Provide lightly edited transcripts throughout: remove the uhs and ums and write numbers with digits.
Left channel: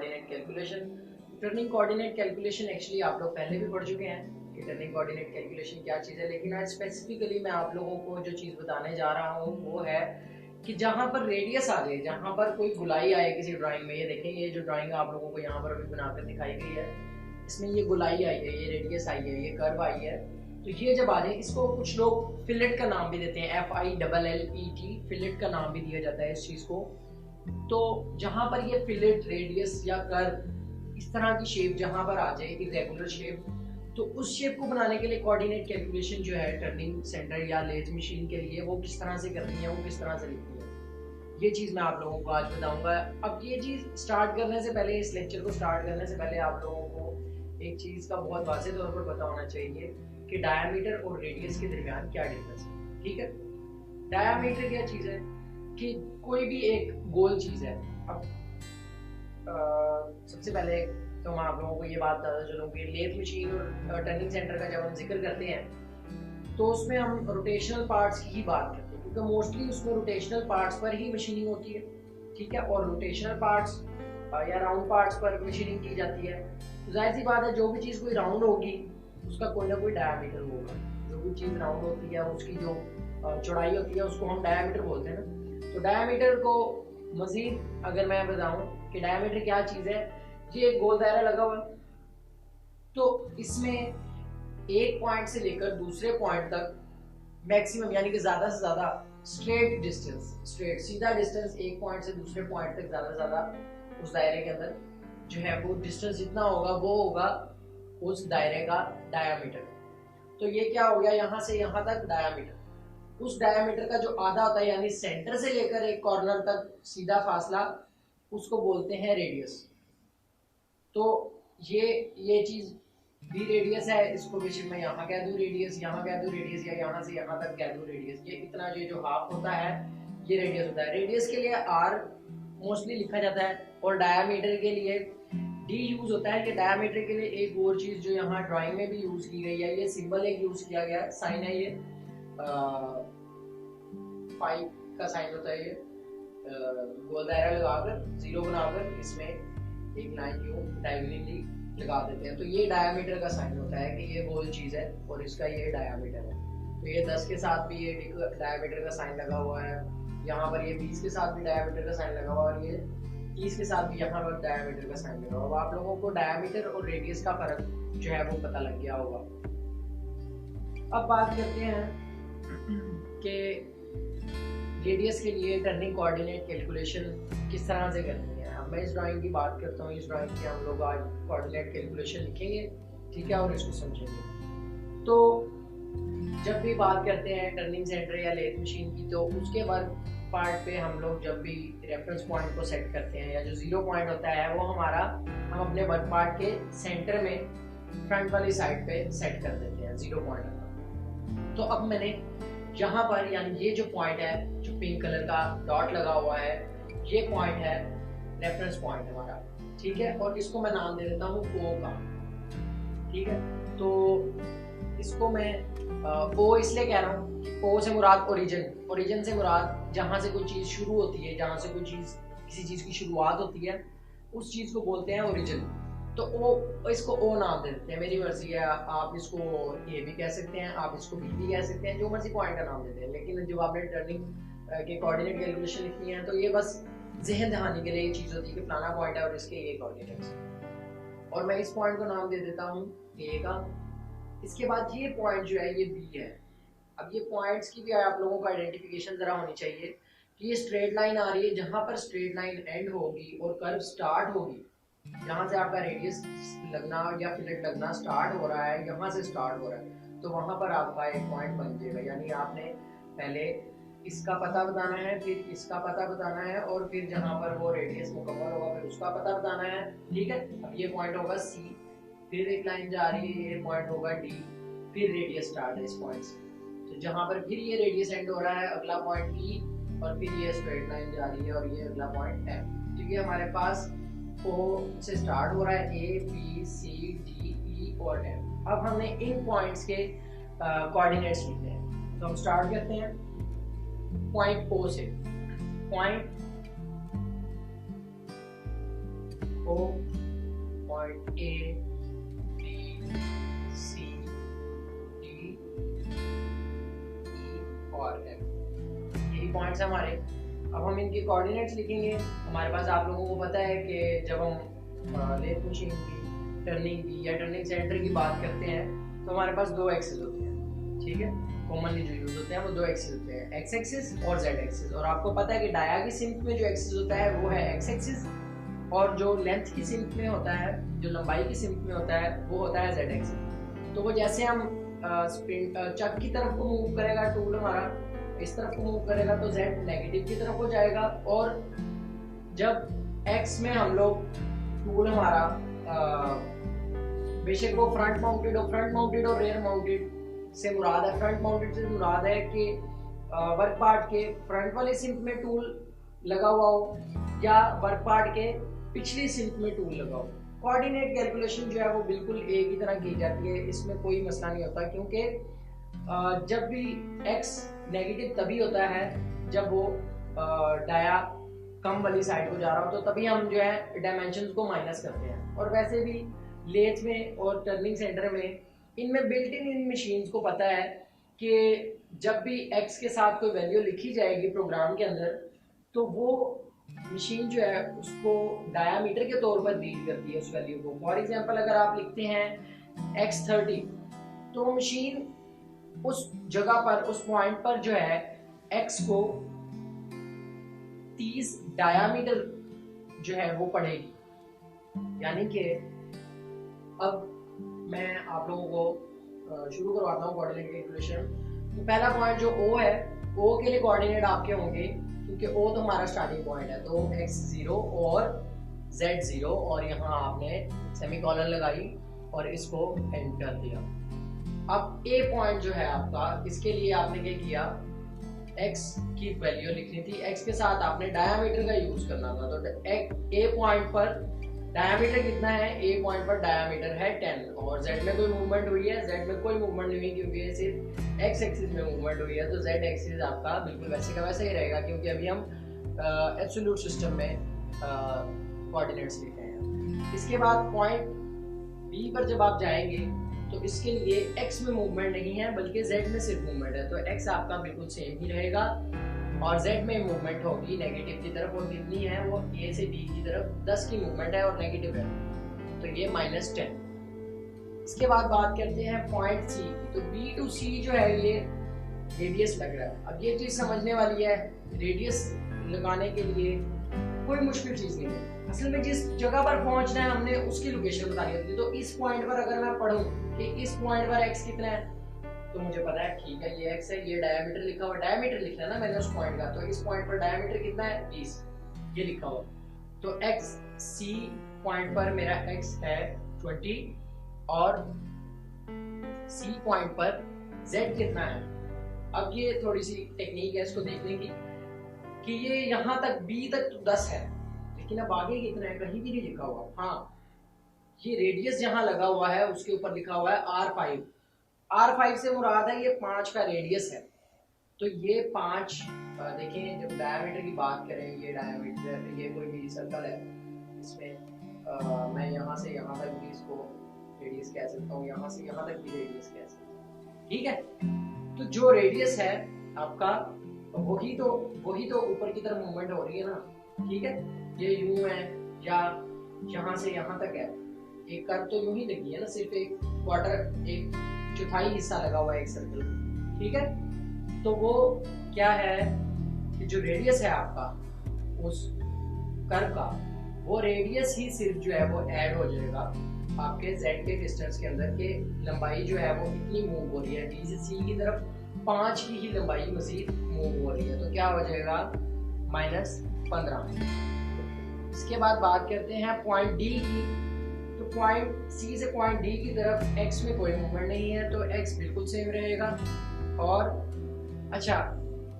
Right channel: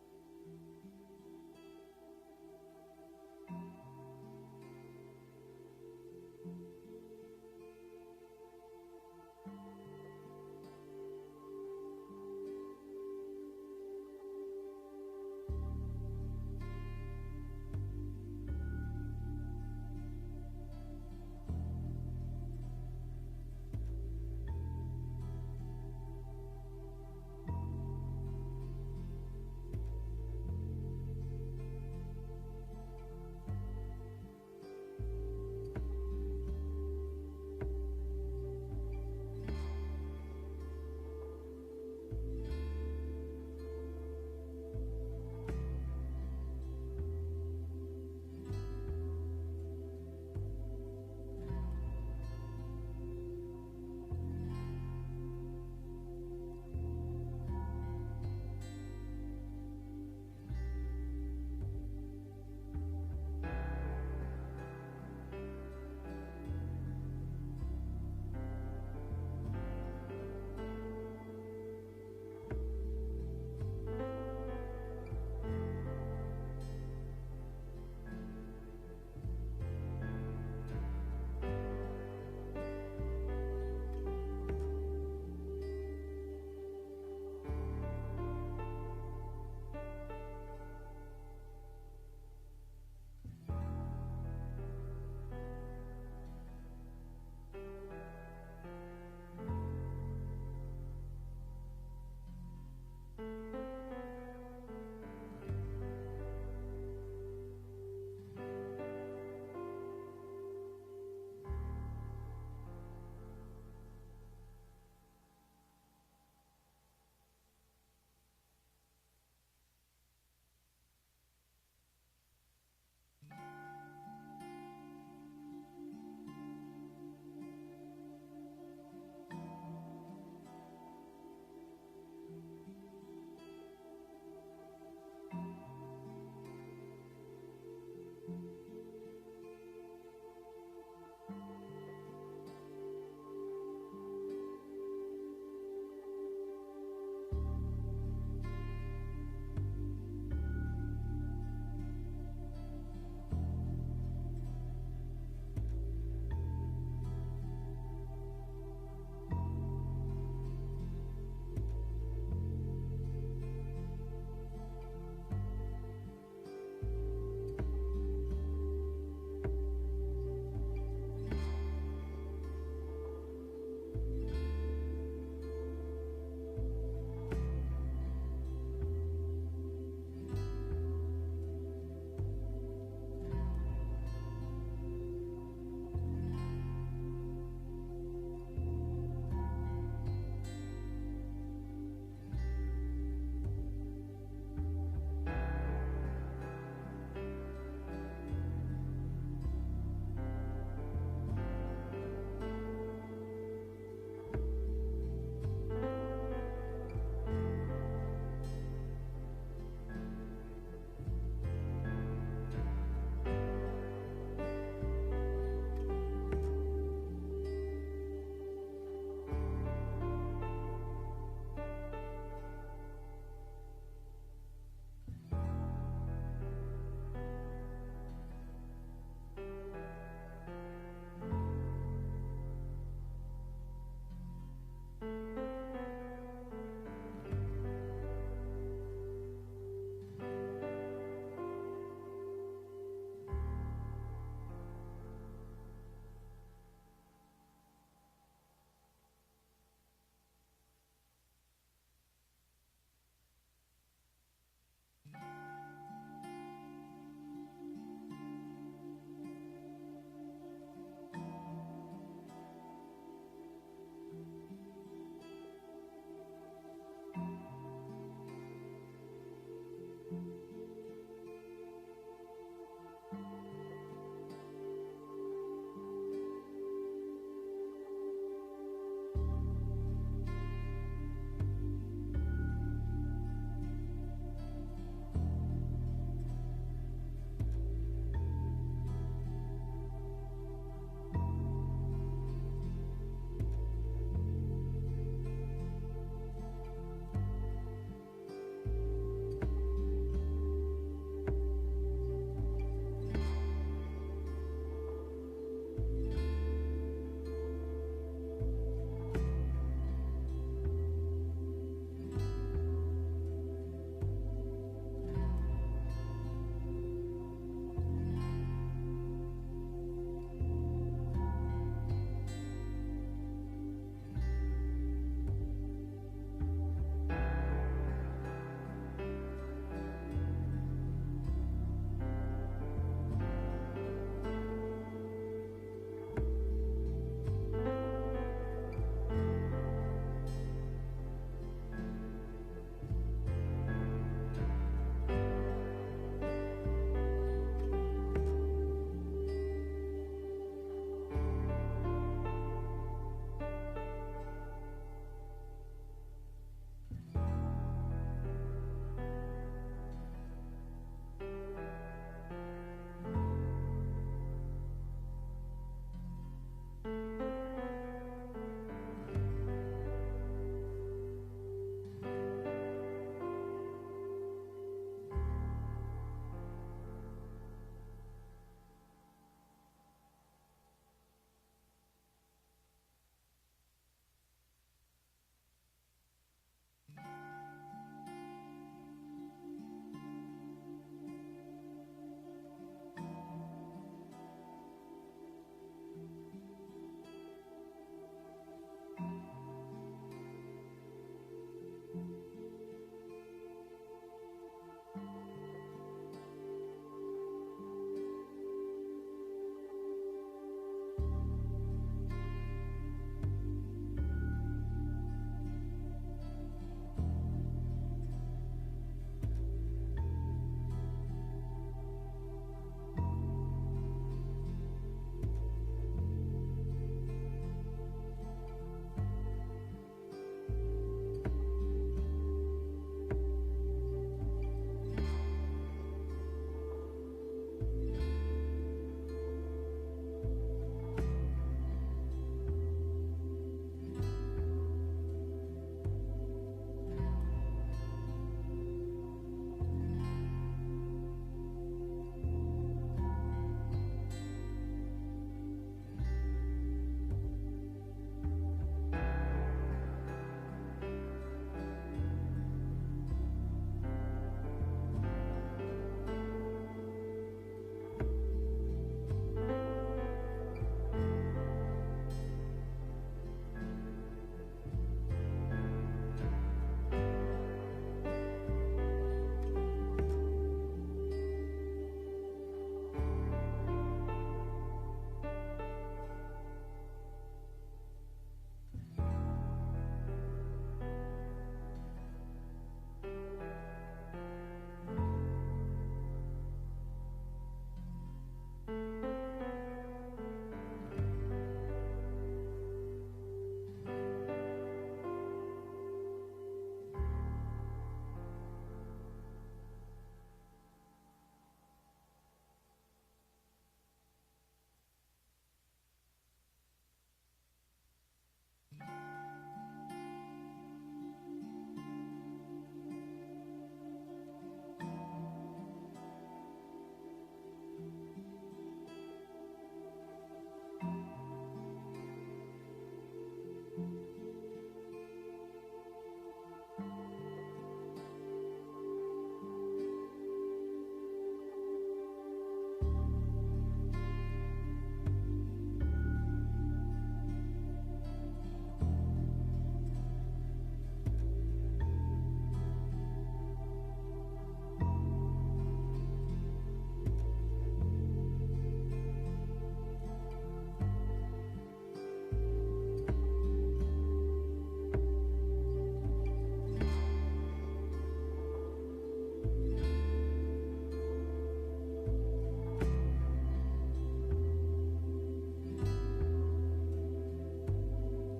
Coordinate calculation. Turning coordinate calculation actually आप लोग पहले भी पढ़ चुके हैं कि टर्निंग कोऑर्डिनेट कैलकुलेशन क्या चीज़ है, लेकिन आज स्पेसिफिकली मैं आप लोगों को जो चीज़ बताने जा रहा हूँ वो है कि जहाँ पर रेडियस आ जाए, जहाँ पर कोई गुलाई आए किसी ड्राइंग में, ये देखें ये जो ड्राइंग आप लोगों को यहाँ पर अभी बनाकर दिखाई गई है, इसमें ये गुलाई आई है, ये रेडियस आई है, ये कर्व आई है, तो ये जब आ जाए इसको कुछ लोग फिलेट का नाम भी देते हैं, FILLET, फिलेट का नाम भी दिया जाता है इस चीज़ को। तो जहाँ पर ये फिलेट, रेडियस या कर्व इस तरह की शेप जहाँ पर आ जाए, इरेगुलर शेप, तो उस शेप को बनाने के लिए कोऑर्डिनेट कैलकुलेशन जो है टर्निंग सेंटर या लेथ मशीन के लिए वो किस तरह से करनी है, वो किस तरह से लिखनी है, ये चीज़ मैं आप लोगों को आज बताऊंगा। अब ये चीज़ स्टार्ट करने से पहले, इस लेक्चर को स्टार्ट करने से पहले आप लोगों को एक चीज़ का बहुत वाज़ेह तौर पर पता होना चाहिए कि डायामीटर और रेडियस के दरमियान क्या डिफरेंस है। ठीक है, डायामीटर क्या चीज़ है कि कोई भी एक गोल चीज़ है। अब सबसे पहले तो मैं आप लोगों को ये बात बताता चलूँ कि लेथ मशीन और टर्निंग सेंटर का जब हम जिक्र करते हैं तो उसमें हम रोटेशनल पार्ट्स की ही बात करते हैं, क्योंकि मोस्टली उसमें रोटेशनल पार्ट्स पर ही मशीनिंग होती है। ठीक है, और रोटेशनल पार्ट्स या राउंड पार्ट्स पर मशीनिंग की जाती है। तो जाहिर सी बात है जो भी चीज़ कोई राउंड होगी उसका कोई ना कोई डायामीटर होगा। जो भी चीज़ राउंड होती है उसकी जो चौड़ाई होती है उसको हम डायामीटर बोलते हैं ना। तो डायामीटर को मजीद अगर मैं बताऊं कि डायामीटर क्या चीज़ है, ये एक गोल दायरा लगा हुआ है, तो इसमें एक पॉइंट से लेकर दूसरे पॉइंट तक मैक्सिमम यानी कि ज़्यादा से ज़्यादा स्ट्रेट डिस्टेंस, स्ट्रेट सीधा डिस्टेंस एक पॉइंट से दूसरे पॉइंट तक ज़्यादा से ज़्यादा उस दायरे के अंदर जो है वो डिस्टेंस जितना होगा वो होगा उस दायरे का डायामीटर। तो ये क्या हो गया, यहाँ से यहाँ तक डायामीटर। उस डायामीटर का जो आधा होता है यानी सेंटर से लेकर एक कॉर्नर तक सीधा फासला, उसको बोलते हैं रेडियस। तो ये चीज़ भी रेडियस है, इसको बेशक मैं यहाँ कह दूँ रेडियस, यहाँ कह दूँ रेडियस, या यहाँ से यहाँ तक कह दूँ रेडियस। ये इतना ये जो हाफ होता है ये रेडियस होता है। रेडियस के लिए R मोस्टली लिखा जाता है और डायामीटर के लिए D यूज होता है। कि डायामीटर के लिए एक और चीज़ जो यहाँ ड्राइंग में भी यूज की गई है, ये सिंबल एक यूज किया गया है, साइन है, ये फाइव का साइन होता है, ये गोल दायरा लगाकर जीरो बनाकर इसमें एक लाइन यूं डायगोनली लगा देते हैं, तो ये डायामीटर का साइन होता है कि ये गोल चीज़ है और इसका ये डायामीटर है। तो ये 10 के साथ भी ये डायामीटर का साइन लगा हुआ है, यहाँ पर ये 20 के साथ भी डायामीटर का साइन लगा हुआ है, और ये 30 के साथ भी यहाँ पर डायामीटर का साइन लगा हुआ है। आप लोगों को डायामीटर और रेडियस का फर्क जो है वो पता लग गया होगा। अब बात करते हैं कि रेडियस के लिए टर्निंग कोऑर्डिनेट कैलकुलेशन किस तरह से करनी है। अब मैं इस ड्राइंग की बात करता हूँ, इस ड्राइंग की हम लोग आज कोऑर्डिनेट कैलकुलेशन लिखेंगे, ठीक है, और इसको समझेंगे। तो जब भी बात करते हैं टर्निंग सेंटर या लेथ मशीन की, तो उसके वर्क पार्ट पे हम लोग जब भी रेफरेंस पॉइंट को सेट करते हैं या जो जीरो पॉइंट होता है वो हमारा, हम अपने वर्क पार्ट के सेंटर में फ्रंट वाली साइड पे सेट कर देते हैं जीरो पॉइंट। तो अब मैंने यहाँ पर यानी ये जो पॉइंट है, जो पिंक कलर का डॉट लगा हुआ है, ये पॉइंट है रेफरेंस पॉइंट हमारा, ठीक है, और इसको मैं नाम दे देता हूँ O का। ठीक है, तो इसको मैं O इसलिए कह रहा हूँ, O से मुराद ओरिजिन, ओरिजिन से मुराद जहाँ से कोई चीज़ शुरू होती है, जहाँ से कोई चीज़, किसी चीज़ की शुरुआत होती है, उस चीज़ को बोलते हैं ओरिजिन। तो O, इसको O नाम दे देते हैं, मेरी मर्जी है, आप इसको ये भी कह सकते हैं, आप इसको भी कह सकते हैं, जो मर्जी पॉइंट का नाम देते हैं। लेकिन जब आपने टर्निंग के कोऑर्डिनेट कैलकुलेशन लिखनी है तो ये बस जहन दहानी के लिए ये चीज़ होती है कि फलाना पॉइंट है और इसके ये कोऑर्डिनेट्स, और मैं इस पॉइंट को नाम दे देता हूँ A का। इसके बाद ये पॉइंट जो है ये B है। अब ये पॉइंट्स की भी आप लोगों को आइडेंटिफिकेशन ज़रा होनी चाहिए कि ये स्ट्रेट लाइन आ रही है, जहाँ पर स्ट्रेट लाइन एंड होगी और कर्व स्टार्ट होगी, यहाँ से आपका रेडियस लगना या फिलेट लगना स्टार्ट हो रहा है, यहाँ से स्टार्ट हो रहा है, तो वहाँ पर आपका एक पॉइंट बन जाएगा। यानी आपने पहले इसका पता बताना है, फिर इसका पता बताना है, और फिर जहाँ पर वो रेडियस मुकम्मल होगा फिर उसका पता बताना है। ठीक है, अब ये पॉइंट होगा C, फिर एक लाइन जा रही है, ये पॉइंट होगा D, फिर रेडियस स्टार्ट है इस पॉइंट से, तो जहाँ पर फिर ये रेडियस एंड हो रहा है, अगला पॉइंट E, और फिर ये स्ट्रेट लाइन जा रही है और ये अगला पॉइंट M। क्योंकि हमारे पास O से स्टार्ट हो रहा है, A, B, C, D, E और M। अब हमने इन पॉइंट्स के कोऑर्डिनेट्स लिखने हैं, तो हम स्टार्ट करते हैं पॉइंट O से। Point O, point A, B, C, D, E और F, यही पॉइंट्स हमारे। अब हम इनके कोऑर्डिनेट्स लिखेंगे। हमारे पास आप लोगों को पता है कि जब हम लेथ मशीन की टर्निंग की या टर्निंग सेंटर की बात करते हैं तो हमारे पास दो एक्सिस होते हैं, ठीक है, कॉमनली जो यूज होते हैं वो दो एक्सिस होते हैं, एक्स एक्सिस और जेड एक्सिस। और आपको पता है कि डाया की सिंक में जो एक्सिस होता है वो है एक्स एक्सिस, और जो लेंथ की सिंक में होता है, जो लंबाई की सिंक में होता है, वो होता है जेड एक्सिस। तो वो जैसे हम चक की तरफ को मूव करेगा टूल हमारा, इस तरफ को मूव करेगा तो z नेगेटिव की तरफ हो जाएगा, और जब x में हम लोग टूल हमारा बेशक वो फ्रंट माउंटेड और रेयर माउंटेड से मुराद है, फ्रंट माउंटेड से मुराद है कि वर्क पार्ट के फ्रंट वाले सिंक में टूल लगा हुआ हो या वर्क पार्ट के पिछली सिंक में टूल लगा हो। कोऑर्डिनेट कैलकुलेशन जो है वो बिल्कुल एक ही तरह की जाती है, इसमें कोई मसला नहीं होता, क्योंकि जब भी x नेगेटिव तभी होता है जब वो डाया कम वाली साइड को जा रहा हो, तो तभी हम जो है डायमेंशंस को माइनस करते हैं। और वैसे भी लेथ में और टर्निंग सेंटर में इनमें बिल्ट इन मशीन्स को पता है कि जब भी x के साथ कोई वैल्यू लिखी जाएगी प्रोग्राम के अंदर, तो वो मशीन जो है उसको डायामीटर के तौर पर रीड करती है उस वैल्यू को। फॉर एग्जांपल अगर आप लिखते हैं x30, तो मशीन उस जगह पर, उस पॉइंट पर जो है x को 30 डायामीटर जो है वो पढ़ेगी। यानी कि अब मैं आप लोगों को शुरू करवाता हूँ कोऑर्डिनेट कैलकुलेशन। तो पहला पॉइंट जो O है, O के लिए कोऑर्डिनेट आपके होंगे, क्योंकि O तो हमारा स्टार्टिंग पॉइंट है, तो x0 और z0, और यहाँ आपने सेमीकोलन लगाई और इसको एंड कर दिया। अब A पॉइंट जो है आपका, इसके लिए आपने क्या किया, x की वैल्यू लिखनी थी, x के साथ आपने डायामीटर का यूज करना था। तो A पॉइंट पर डायामीटर कितना है, A पॉइंट पर डायामीटर है 10, और Z में कोई मूवमेंट हुई है, Z में कोई मूवमेंट नहीं हुई क्योंकि ये सिर्फ x एक्सिस में मूवमेंट हुई है, तो Z एक्सिस आपका बिल्कुल वैसे का वैसे ही रहेगा, क्योंकि अभी हम एब्सोल्यूट सिस्टम में कोऑर्डिनेट्स लिख रहे हैं। इसके बाद पॉइंट B पर जब आप जाएंगे तो इसके लिए x में मूवमेंट नहीं है बल्कि z में सिर्फ मूवमेंट है, तो x आपका बिल्कुल सेम ही रहेगा, और z में मूवमेंट होगी नेगेटिव की तरफ, और कितनी है वो a से b की तरफ 10 की मूवमेंट है और नेगेटिव है, तो ये -10। इसके बाद बात करते हैं पॉइंट C। तो B to C जो है ये रेडियस लग रहा है। अब ये चीज समझने वाली है, रेडियस लगाने के लिए कोई मुश्किल चीज नहीं है, असल में जिस जगह पर पहुंचना है हमने उसकी लोकेशन बतानी होती है। तो इस पॉइंट पर अगर मैं पढ़ूं कि इस पॉइंट पर x कितना है, तो मुझे पता है ठीक है ये x है, ये डायमीटर लिखा हुआ, डायमीटर लिखना है ना मैंने उस पॉइंट का, तो इस पॉइंट पर डायमीटर कितना है 20, ये लिखा हुआ। तो x C पॉइंट पर मेरा x है 20, और C पॉइंट पर z कितना है। अब ये थोड़ी सी टेक्निक है, इसको देखने की कि ये यहाँ तक B तक तो 10 है, लेकिन अब आगे कितना है कहीं भी नहीं लिखा हुआ। हाँ, ये रेडियस जहाँ लगा हुआ है उसके ऊपर लिखा हुआ है R5। R5 से मुराद है ये 5 का रेडियस है, तो ये 5 देखें, जब डायमीटर की बात करें, ये डायमीटर, ये कोई भी सर्कल है, इसमें मैं यहाँ से यहाँ तक भी इसको रेडियस कह सकता हूँ, यहाँ से यहाँ तक भी रेडियस कह सकता हूँ, ठीक है। तो जो रेडियस है आपका वही तो ऊपर की तरफ मूवमेंट हो रही है ना, ठीक है। ये यूं है या यहाँ से यहाँ तक है, एक कर्व तो यूं ही लगी है ना, सिर्फ एक क्वार्टर, एक चौथाई हिस्सा लगा हुआ है एक सर्कल, ठीक है। तो वो क्या है कि जो रेडियस है आपका उस कर्व का, वो रेडियस ही सिर्फ जो है वो ऐड हो जाएगा आपके z के डिस्टेंस के अंदर, के लंबाई जो है वो कितनी मूव हो रही है, B से C की तरफ 5 की ही लंबाई मजीद मूव हो रही है, तो क्या हो जाएगा -15। इसके बाद बात करते हैं पॉइंट D की। तो पॉइंट C से पॉइंट D की तरफ x में कोई मूवमेंट नहीं है, तो x बिल्कुल सेम रहेगा। और अच्छा,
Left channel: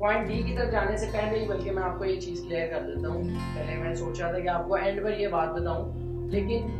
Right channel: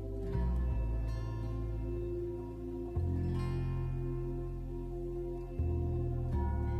पॉइंट D की तरफ जाने से पहले ही बल्कि मैं आपको ये चीज़ क्लियर कर देता हूँ, पहले मैं सोच रहा था कि आपको एंड पर ये बात बताऊँ, लेकिन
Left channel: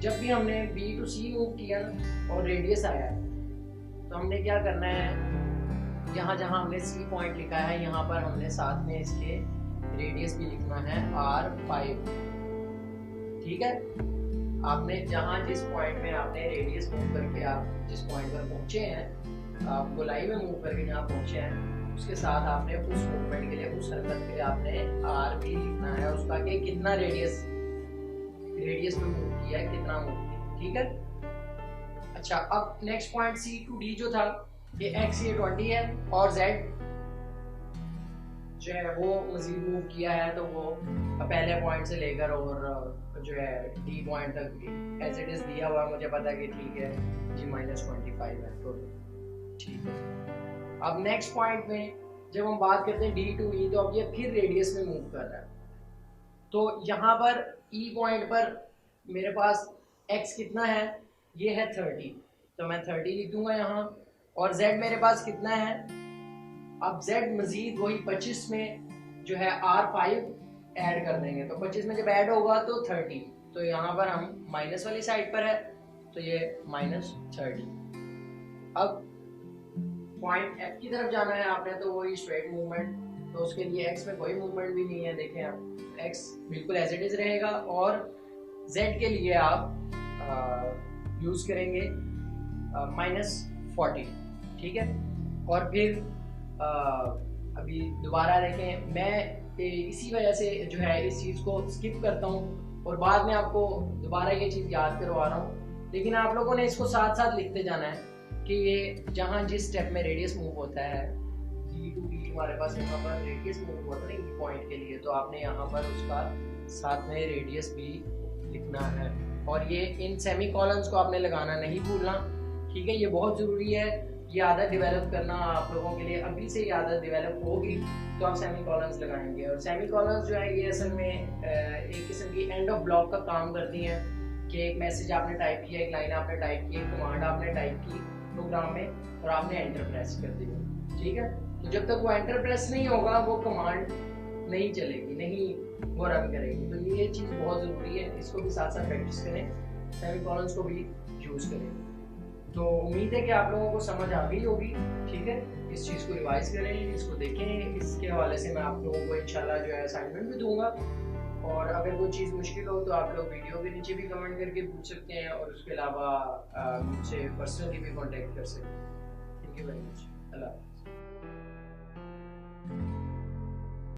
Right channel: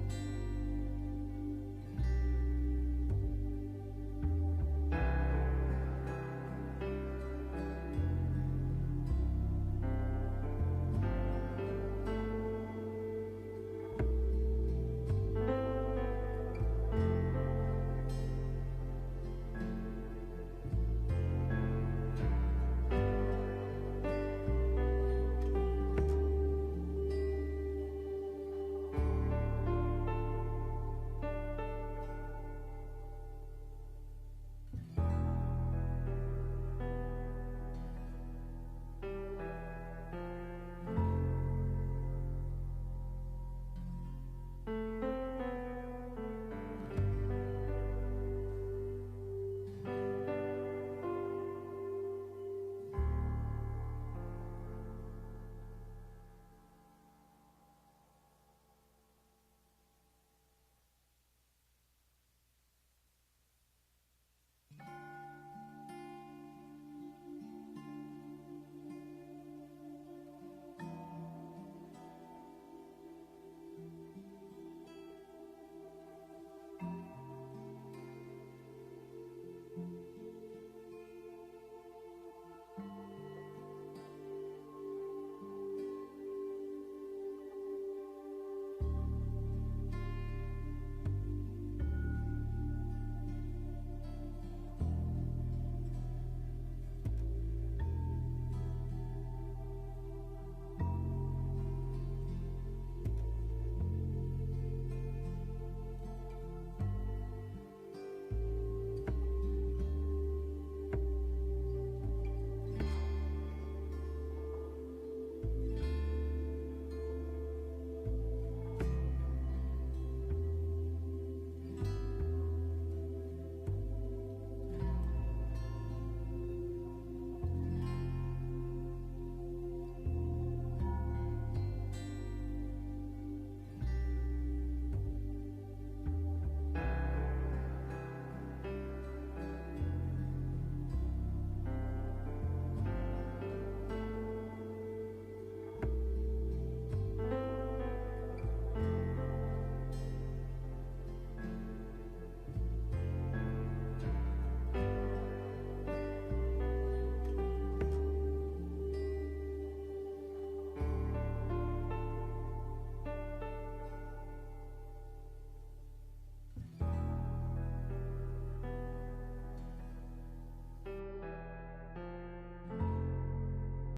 जब भी हमने B to C मूव किया ना और रेडियस आया, तो हमने क्या करना है, यहाँ जहाँ हमने C पॉइंट लिखा है यहाँ पर हमने साथ में इसके रेडियस भी लिखना है R5, ठीक ठीक है। आपने जहाँ जिस पॉइंट में आपने रेडियस मूव करके आप जिस पॉइंट पर पहुंचे हैं, आप गोलाई में मूव करके जहाँ पहुंचे हैं, उसके साथ आपने उस मूवमेंट के लिए, उस हरकत के लिए आपने आर भी लिखना है उसका, कि कितना रेडियस में मूव किया है, कितना मूव किया, ठीक है। अच्छा, अब next point C to D जो था, ये एक्स ये 20 है और जेड जो है वो मजीद मूव किया है, तो वो पहले पॉइंट से लेकर और जो है डी पॉइंट तक एज इट इज दिया हुआ, मुझे पता है कि ठीक है जी -25 है, तो ठीक है। अब नेक्स्ट पॉइंट में जब हम बात करते हैं डी टू ई, तो अब ये फिर रेडियस में मूव कर रहा है, तो यहाँ पर ई पॉइंट पर मेरे पास एक्स कितना है, ये है 30, तो मैं 30 लिख दूंगा यहाँ, और जेड मेरे पास कितना है, अब z मजीद वही 25 में जो है R5 ऐड कर देंगे, तो 25 में जब ऐड होगा तो 30, तो यहाँ पर हम माइनस वाली साइड पर है, तो ये -30। अब पॉइंट F की तरफ जाना है आपने, तो वही स्ट्रेट मूवमेंट, तो उसके लिए x में कोई मूवमेंट भी नहीं है, देखें आप x बिल्कुल एज इट इज रहेगा, और z के लिए आप यूज करेंगे -40, ठीक है। और फिर अभी दोबारा देखें, मैं इसी वजह से जो है इस चीज़ को स्किप करता हूँ और बाद में आपको दोबारा ये चीज़ याद करवा रहा हूँ, लेकिन आप लोगों ने इसको साथ साथ लिखते जाना है कि ये जहाँ जिस स्टेप में रेडियस मूव होता है, जी टू डी हमारे पास यहाँ पर रेडियस मूव होता है ना पॉइंट के लिए, तो आपने यहाँ पर उसका साथ में रेडियस भी लिखना है, और ये इन सेमी कॉलम्स को आपने लगाना नहीं भूलना, ठीक है। ये बहुत ज़रूरी है, ये आदत डेवलप करना आप लोगों के लिए, अभी से ये आदत डेवलप होगी तो आप सेमी कॉलम्स लगाएंगे, और सेमी कॉलम्स जो है ये असल में एक किस्म की एंड ऑफ ब्लॉक का काम करती हैं, कि एक मैसेज आपने टाइप किया, एक लाइन आपने टाइप की, एक कमांड आपने टाइप की प्रोग्राम में, और आपने एंटर प्रेस कर दी, ठीक है। तो जब तक वो एंटर प्रेस नहीं होगा वो कमांड नहीं चलेगी, नहीं वो रन करेगी, तो ये चीज़ बहुत ज़रूरी है, इसको भी साथ साथ प्रैक्टिस करें, सेमी कॉलम्स को भी यूज़ करें। तो उम्मीद है कि आप लोगों को समझ आ गई होगी, ठीक है। इस चीज़ को रिवाइज करें, इसको देखें, इसके हवाले से मैं आप लोगों को इंशाल्लाह जो है असाइनमेंट भी दूंगा, और अगर कोई चीज़ मुश्किल हो तो आप लोग वीडियो के नीचे भी कमेंट करके पूछ सकते हैं, और उसके अलावा मुझसे पर्सनली भी कॉन्टेक्ट कर सकते हैं। Thank you very much. Allah.